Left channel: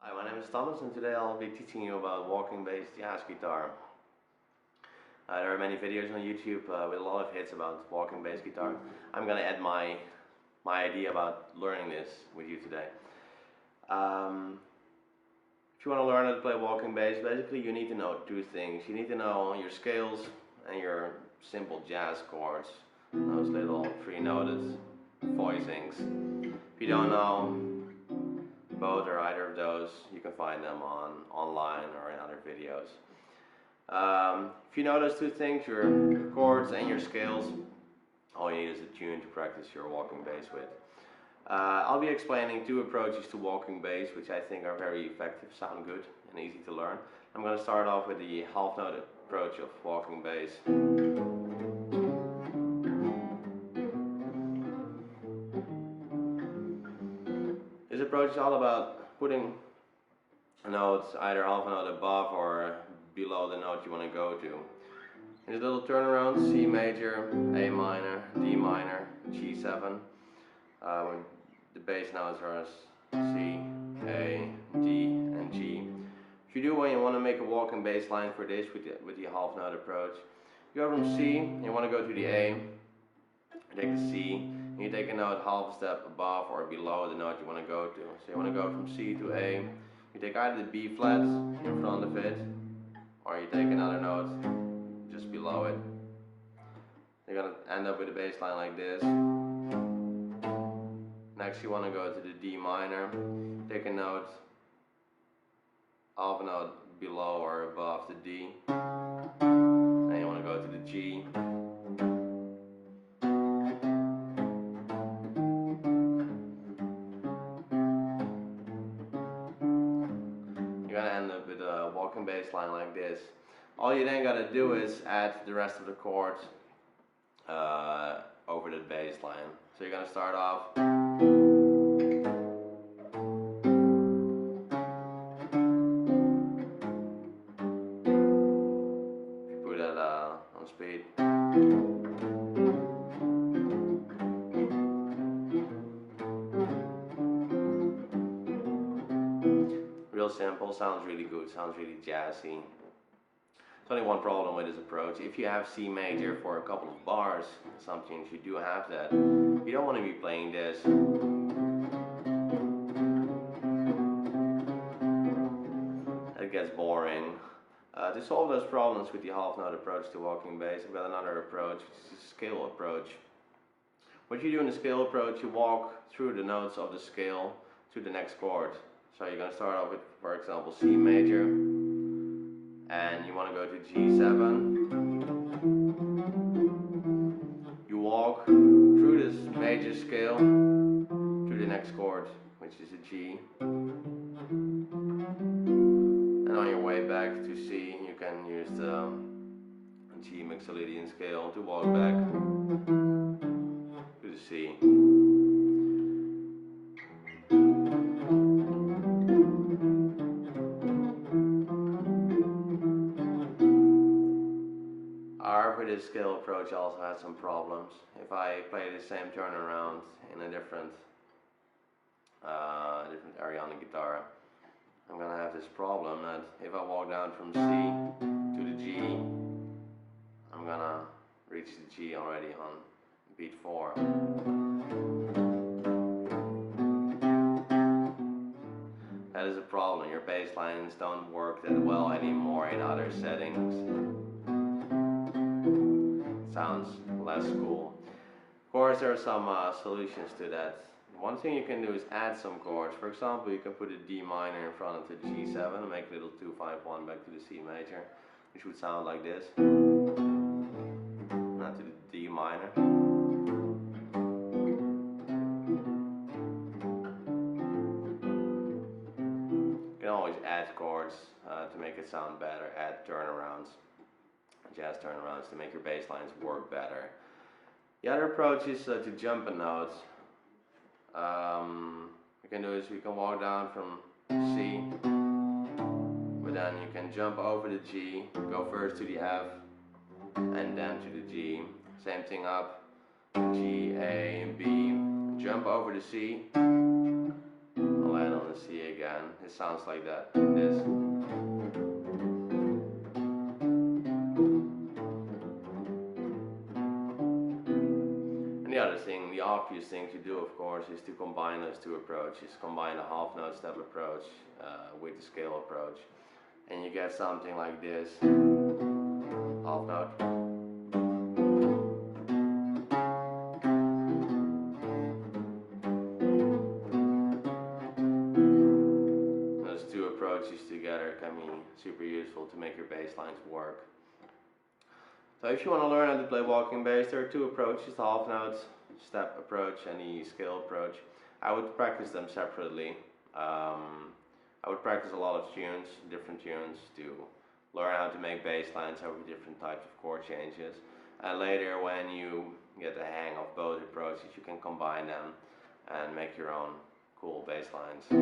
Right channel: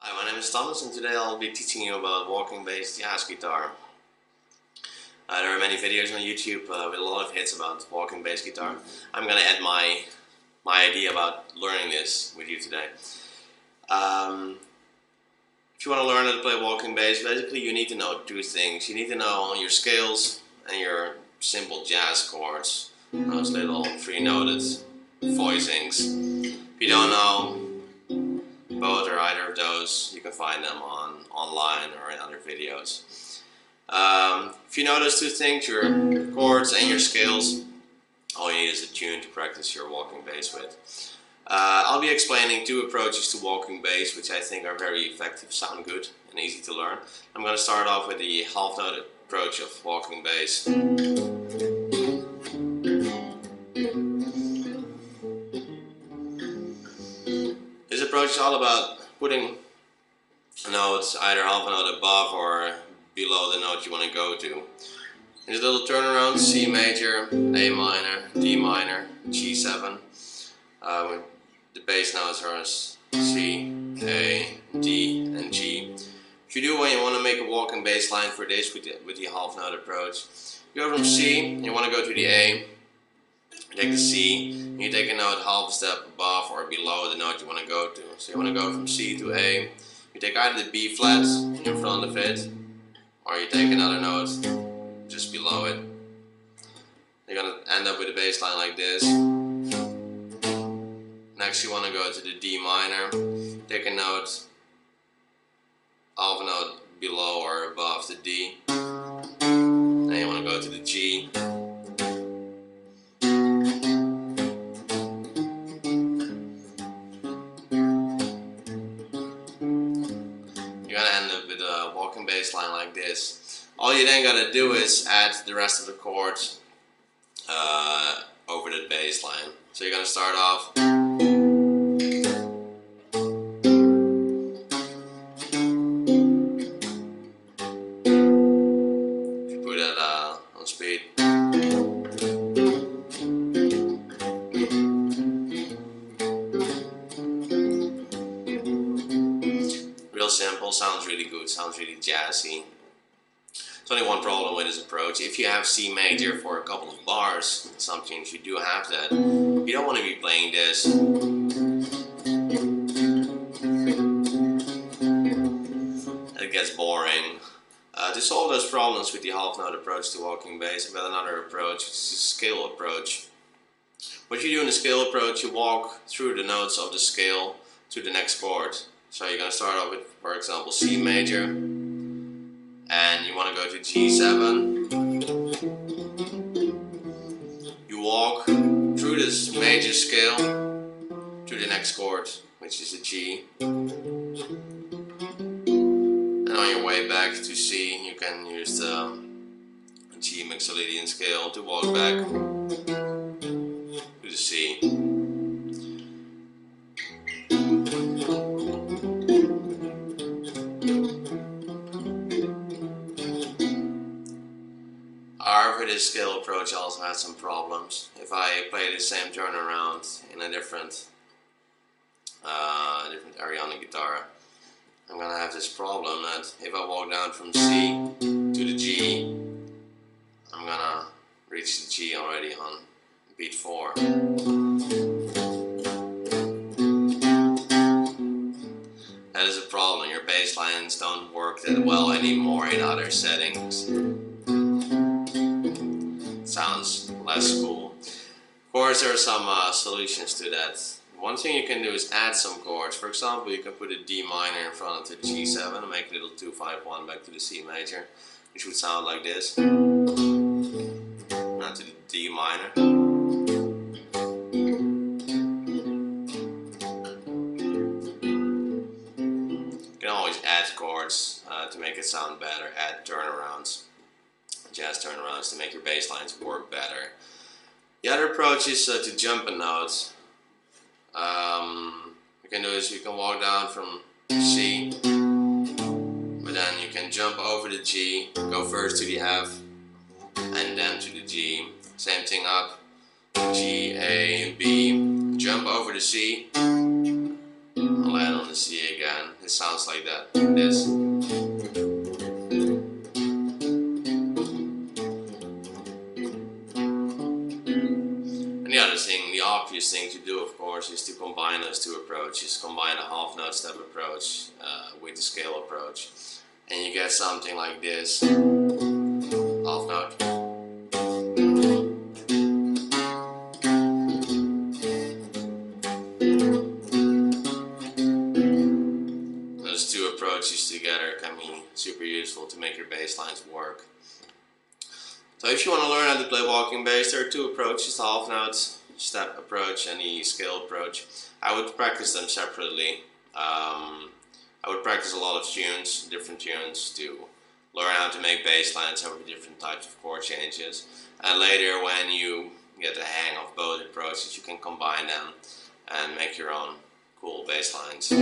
Hi, my name is Thomas and today I'll be teaching you about walking based jazz guitar. There are many videos on YouTube with a lot of hits about walking bass guitar. I'm gonna add my idea about learning this with you today. If you want to learn how to play walking bass, basically you need to know two things. You need to know your scales and your simple jazz chords, those little free-noted voicings. If you don't know both or either of those, you can find them online or in other videos. If you know those two things, your chords and your scales, all you need is a tune to practice your walking bass with. I'll be explaining two approaches to walking bass, which I think are very effective, sound good, and easy to learn. I'm going to start off with the half note approach of walking bass. This approach is all about putting notes either half a note above or below the note you want to go to. There's a little turnaround: C major, A minor, D minor, G7. The bass notes are C, A, D, and G. If you do when you want to make a walking bass line for this with the half note approach, you go from C, you want to go to the A, you take the C, and you take a note half a step above or below the note you want to go to. So you want to go from C to A, you take either the B flat in front of it, or you take another note just below it. You're going to end up with a bass line like this. Next you want to go to the D minor, take a note, half a note below or above the D. Then you want to go to the G. You're gonna end up with a walking bass line like this. All you then gotta do is add the rest of the chords over the bass line. So you're gonna start off. If you put that on speed. Real simple, sounds really good, sounds really jazzy. There's only one problem with this approach. If you have C major for a couple of bars, sometimes you do have that, you don't want to be playing this. It gets boring. To solve those problems with the half note approach to walking bass, I've got another approach, which is a scale approach. What you do in the scale approach, you walk through the notes of the scale to the next chord. So you're going to start off with, for example, C major, and you want to go to G7. You walk through this major scale to the next chord, which is a G. And on your way back to C, you can use the G Mixolydian scale to walk back to the C. However, this scale approach also has some problems. If I play the same turnaround in a different area on the guitar, I'm gonna have this problem that if I walk down from C to the G, I'm gonna reach the G already on beat 4. That is a problem. Your bass lines don't work that well anymore in other settings. Sounds less cool. Of course, there are some solutions to that. One thing you can do is add some chords. For example, you can put a D minor in front of the G7 and make a little 2-5-1 back to the C major, which would sound like this. Now to the D minor. You can always add chords to make it sound better, add turnarounds. Jazz turnarounds to make your bass lines work better. The other approach is to jump a note. You can do is you can walk down from C, but then you can jump over the G, go first to the F, and then to the G. Same thing up, G, A, B, jump over the C, and land on the C again. It sounds like that. This. And the other thing, the obvious thing to do, of course, is to combine those two approaches. Combine the half note step approach with the scale approach, and you get something like this. Half note. Those two approaches together can be super useful to make your bass lines work. So if you want to learn how to play walking bass, there are two approaches, the half note step approach and the scale approach. I would practice them separately. I would practice a lot of tunes, different tunes, to learn how to make bass lines over different types of chord changes. And later, when you get the hang of both approaches, you can combine them and make your own cool bass lines.